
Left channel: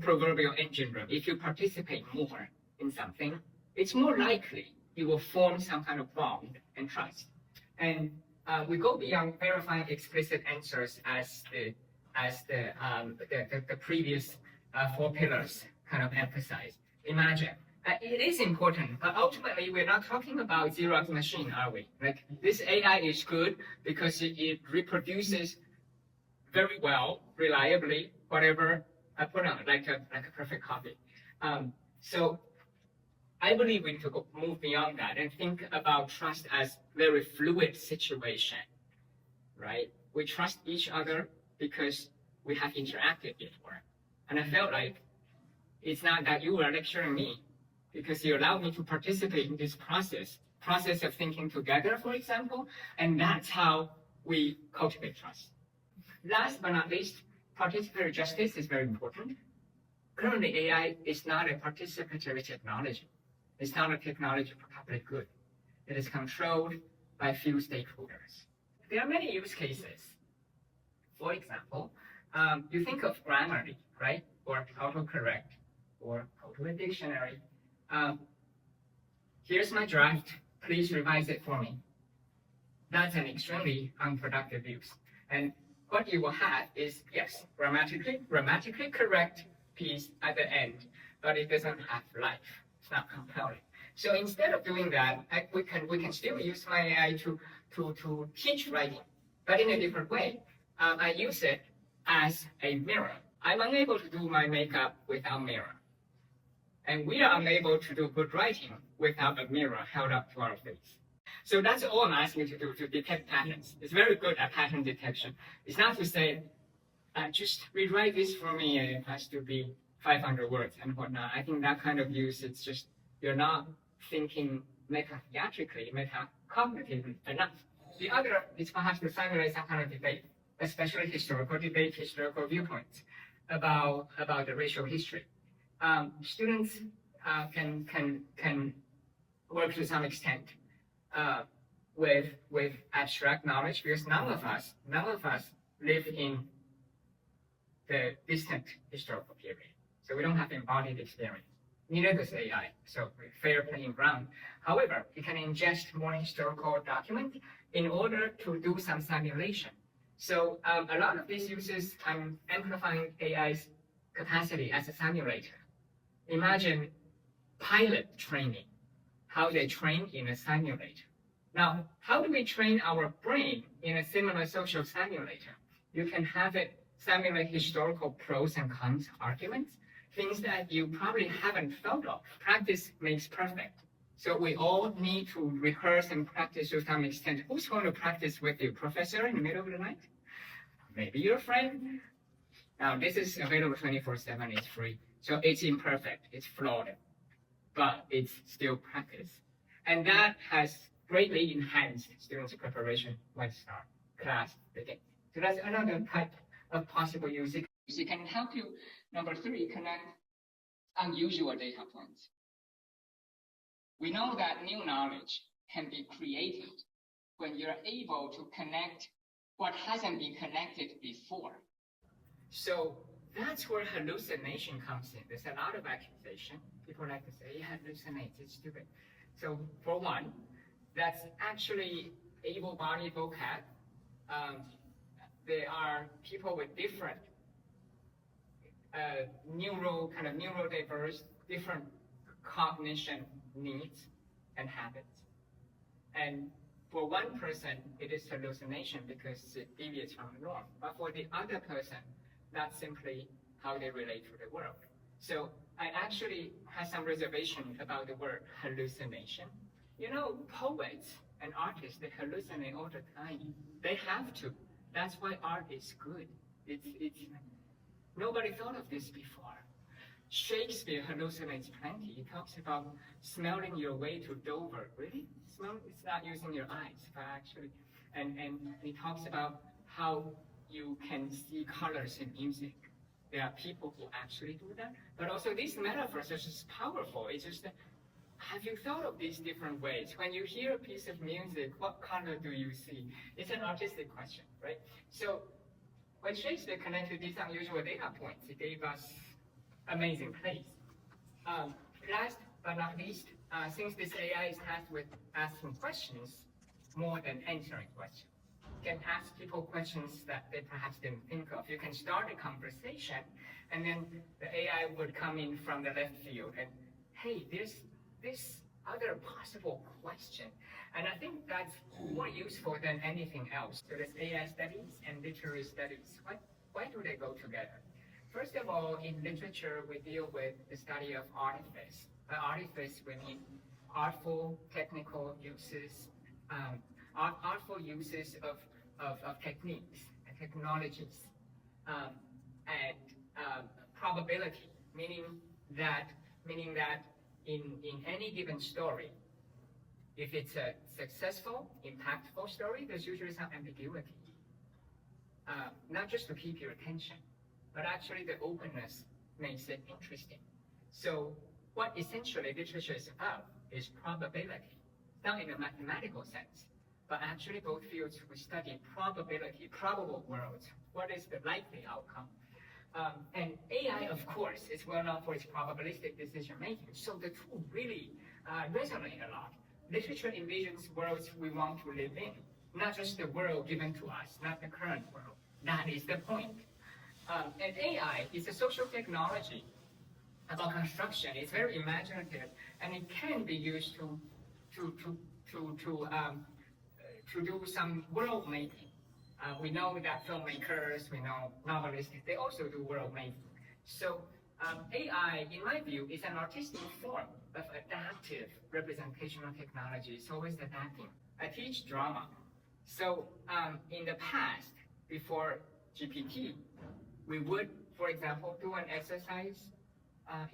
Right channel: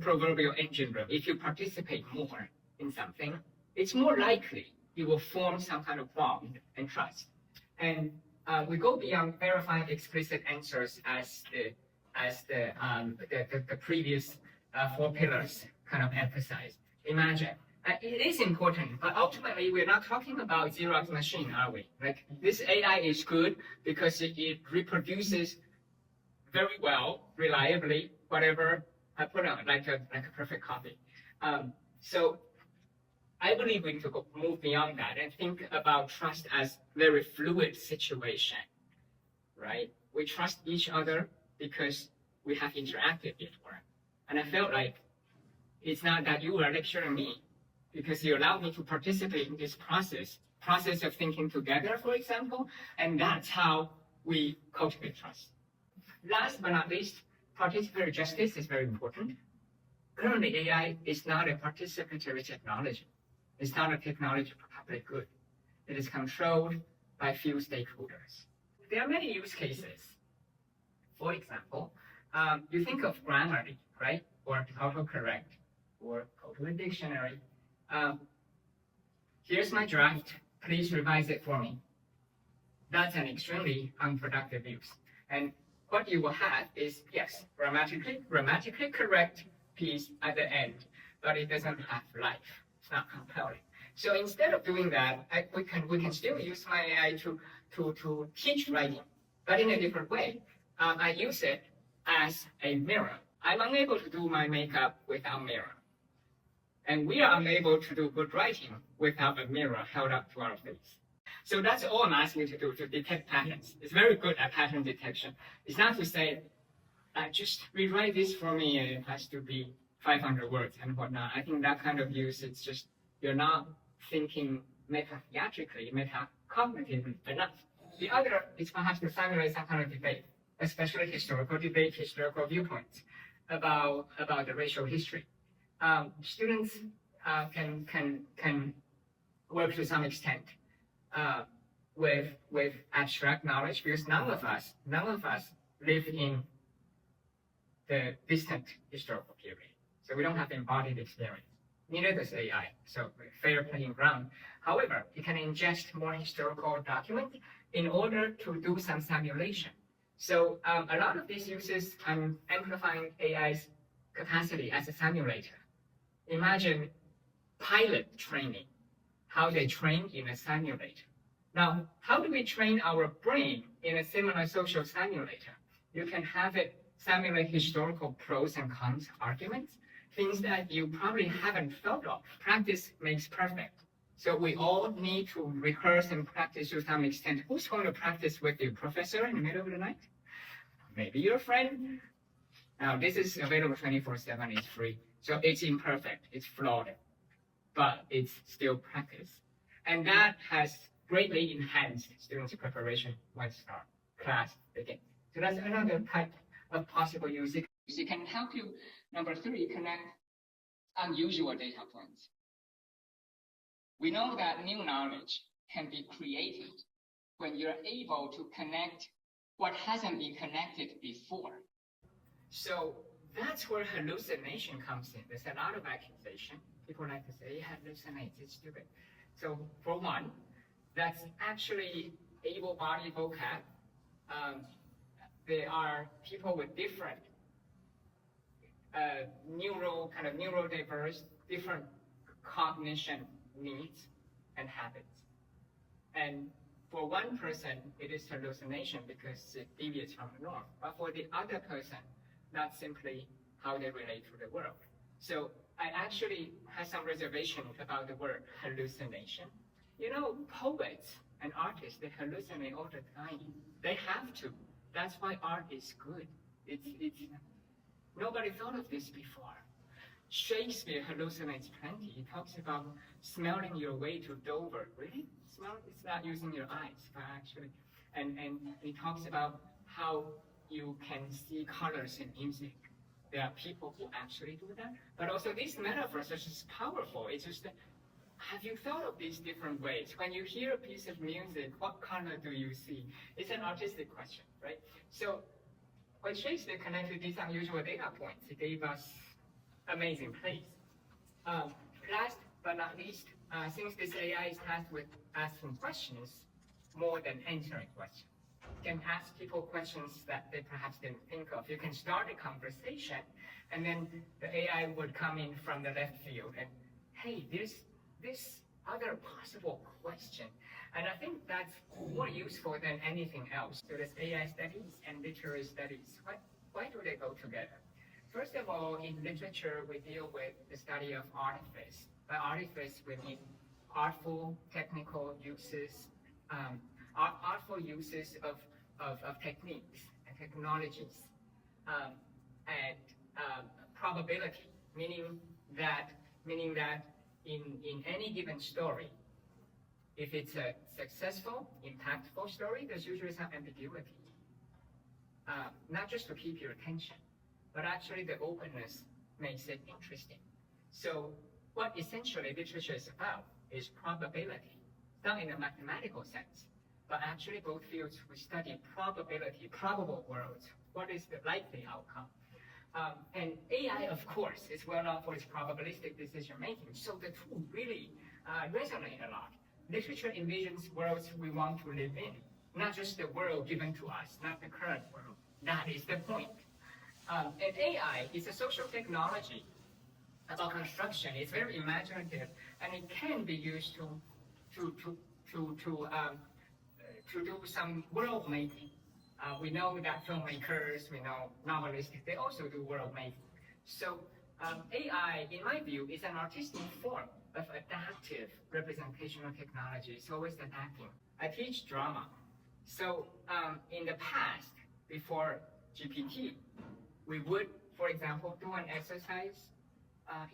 proverbial engine room. If you participate more in something, it's more likely you will form some kind of bond and trust. And we go beyond verifying explicit answers as the previous 4 pillars kind of emphasize. Imagine. It is important, but ultimately we're not talking about Xerox machine, are we? Like, this AI is good because it reproduces very well, reliably, whatever I put on, like a perfect copy. So I believe we need to move beyond that and think about trust as very fluid situation, right? We trust each other because we have interacted before. And I felt like it's not that you are lecturing me, because you allow me to participate in this process of thinking together, for example, and that's how we cultivate trust. Last but not least, participatory justice is very important. currently AI is not a participatory technology. It's not a technology for public good. It is controlled by few stakeholders. There are many use cases. For example, you think of Grammarly, right? Or autocorrect, or Total Dictionary. Here's my draft. Please revise it for me. That's an extremely unproductive use. And what you will have is, yes, grammatically correct piece at the end, but it doesn't have life. It's not compelling. So instead of doing that, we can still use my AI to teach writing, but in a different way. I use it as a mirror. I'm unable to do my makeup without mirror. And we are unable to do good writing without a mirror held up to our face. So that's all I'm asking you to do, to detect patterns. It's very good at pattern detection. It's not to say, just rewrite this for me, it has to be 500 words and whatnot. I think that kind of use, it's just, you're not thinking meta-theatrically, meta-cognitively enough. The other is perhaps to simulate some kind of debate, especially historical debate, historical viewpoints about the racial history. Students can work to some extent with abstract knowledge, because none of us live in the distant historical period. So we don't have embodied experience. Neither does AI. So fair playing ground. However, you can ingest more historical documents in order to do some simulation. So a lot of these uses can amplifying AI's capacity as a simulator. Imagine pilot training, how they train in a simulator. Now, how do we train our brain in a similar social simulator? You can have it simulate historical pros and cons arguments, things that you probably haven't thought of. Practice makes perfect. So we all need to rehearse and practice to some extent. Who's going to practice with the professor in the middle of the night? Maybe your friend. Now, this is available 24/7, it's free. So it's imperfect, it's flawed, but it's still practice. And that has greatly enhanced students' preparation once our class begins. So that's another type of possible use. It can help you, number 3, connect unusual data points. We know that new knowledge can be created when you're able to connect what hasn't been connected before. So that's where hallucination comes in. There's a lot of accusation. People like to say, it hallucinates, it's stupid. So for one, that's actually able-bodied vocab. There are people with different neurodiverse, different cognition needs and habits. And for one person, it is hallucination because it deviates from the norm. But for the other person, that's simply how they relate to the world. So I actually have some reservation about the word hallucination. You know, poets and artists, they hallucinate all the time. They have to. That's why art is good. It's nobody thought of this before. Shakespeare hallucinates plenty. He talks about smelling your way to Dover. Really? Smell? It's not using your eyes, but actually. And he talks about how you can see colors in music. There are people who actually do that. But also these metaphors are just powerful. It's just, have you thought of these different ways? When you hear a piece of music, what color do you see? It's an artistic question, right? So when Shakespeare connected these unusual data points, it gave us amazing plays. Last but not least, since this AI is tasked with asking questions more than answering questions, you can ask people questions that they perhaps didn't think of. You can start a conversation, and then the AI would come in from the left field and, hey, there's this other possible question. And I think that's more useful than anything else. So there's AI studies and literary studies. Why do they go together? First of all, in literature, we deal with the study of artifice. By artifice, we mean artful technical uses, artful uses of techniques and technologies, and probability, meaning that in any given story, if it's a successful, impactful story, there's usually some ambiguity, not just to keep your attention, but actually the openness makes it interesting. So what essentially literature is about is probability, not in a mathematical sense, but actually both fields we study probability, probable worlds. What is the likely outcome? And AI, of course, is well known for its probabilistic decision making. So the two really resonate a lot. Literature envisions worlds we want to live in, not just the world given to us, not the current world. That is the point. And AI is a social technology about construction. It's very imaginative, and it can be used to do some world making. We know that filmmakers, we know novelists, they also do world making. So AI, in my view, is an artistic form of adaptive representational technology. It's always adapting. I teach drama. So in the past, before GPT, we would, for example, do an exercise,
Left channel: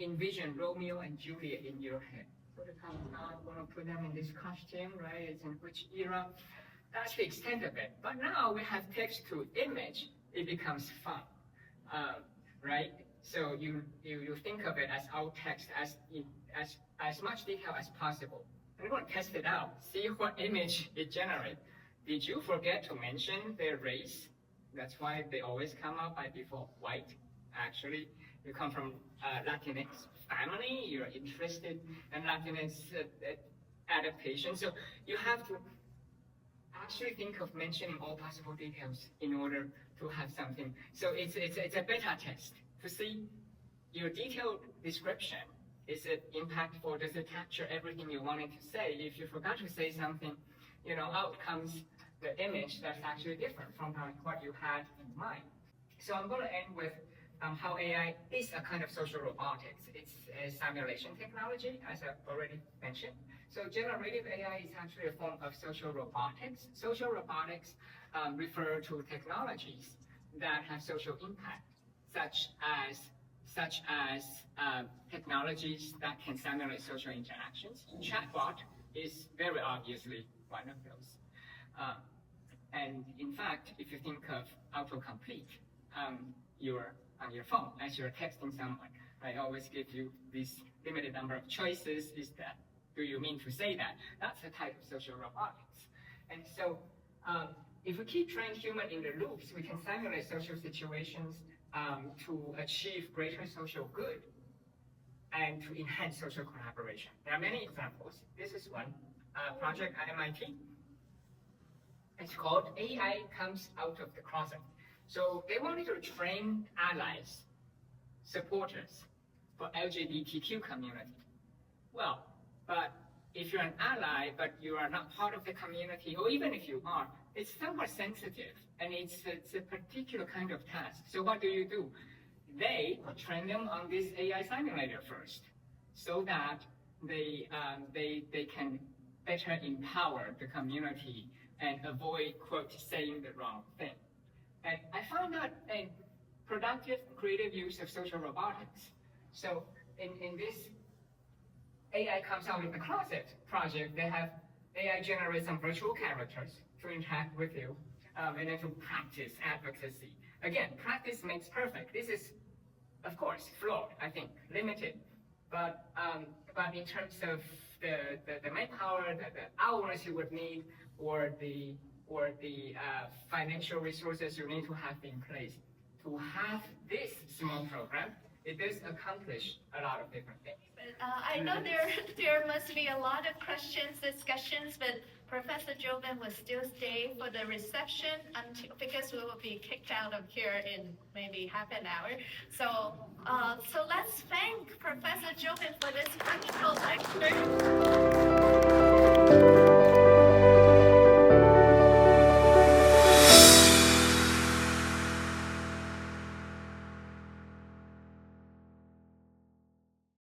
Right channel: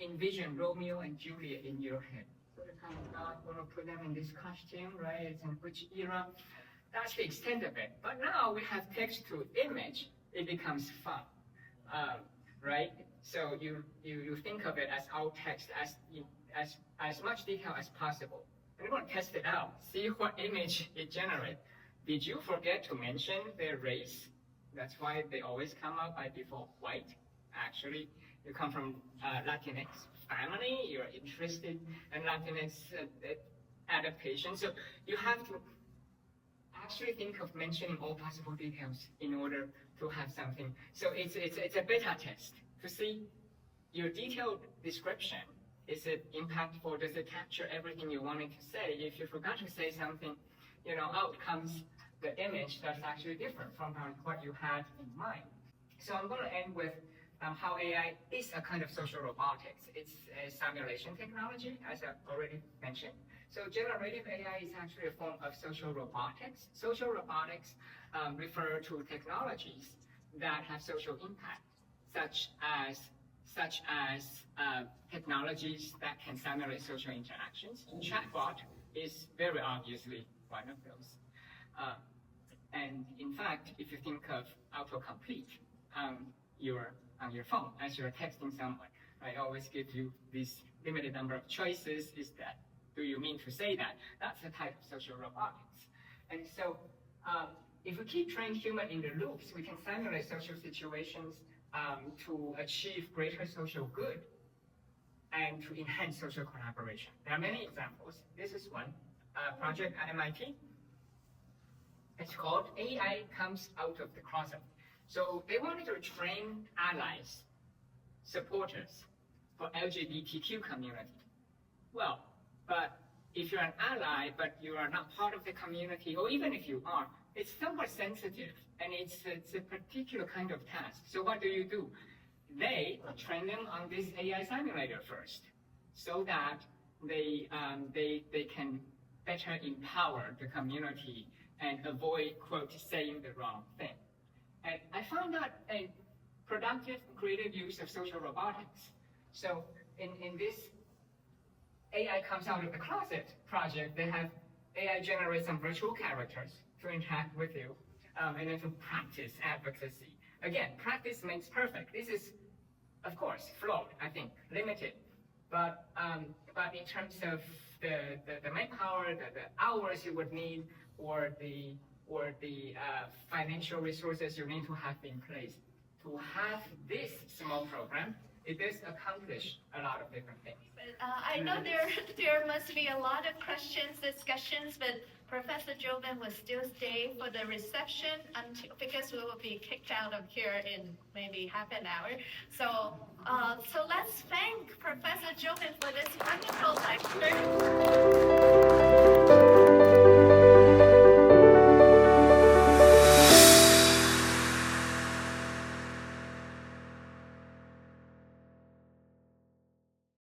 envision Romeo and Juliet in your head. So I'm going to put them in this costume, right? It's in which era? That's the extent of it. But now we have text to image, it becomes fun, right? So you think of it as alt text as much detail as possible. And we're going to test it out, see what image it generates. Did you forget to mention their race? That's why they always come up by default white. Actually, you come from Latinx family, you're interested in Latinx adaptation. So you have to actually think of mentioning all possible details in order to have something. So it's a beta test to see your detailed description. Is it impactful? Does it capture everything you wanted to say? If you forgot to say something, out comes the image that's actually different from what you had in mind. So I'm going to end with how AI is a kind of social robotics. It's a simulation technology, as I've already mentioned. So generative AI is actually a form of social robotics. Social robotics refer to technologies that have social impact, such as technologies that can simulate social interactions. Chatbot is very obviously one of those. And in fact, if you think of autocomplete on your phone as you're texting someone, I always give you this limited number of choices. Is that, do you mean to say that? That's a type of social robotics. And so if we keep trained human in the loops, we can simulate social situations to achieve greater social good and to enhance social collaboration. There are many examples. This is one project at MIT. It's called AI Comes Out of the Closet. So they wanted to train allies, supporters for LGBTQ community. Well, but if you're an ally, but you are not part of the community, or even if you are, it's somewhat sensitive, and it's a particular kind of task. So what do? They train them on this AI simulator first, so that they can better empower the community and avoid, quote, saying the wrong thing. And I found that a productive, creative use of social robotics. So in this AI Comes Out of the Closet project, they have AI generate some virtual characters to interact with you, and then to practice advocacy. Again, practice makes perfect. This is, of course, flawed, I think, limited. But in terms of the manpower, the hours you would need, or the financial resources you need to have in place to have this small program, it does accomplish a lot of different things. But I know there must be a lot of questions, discussions, but Professor Joubin will still stay for the reception because we will be kicked out of here in maybe half an hour. So let's thank Professor Joubin for this wonderful lecture.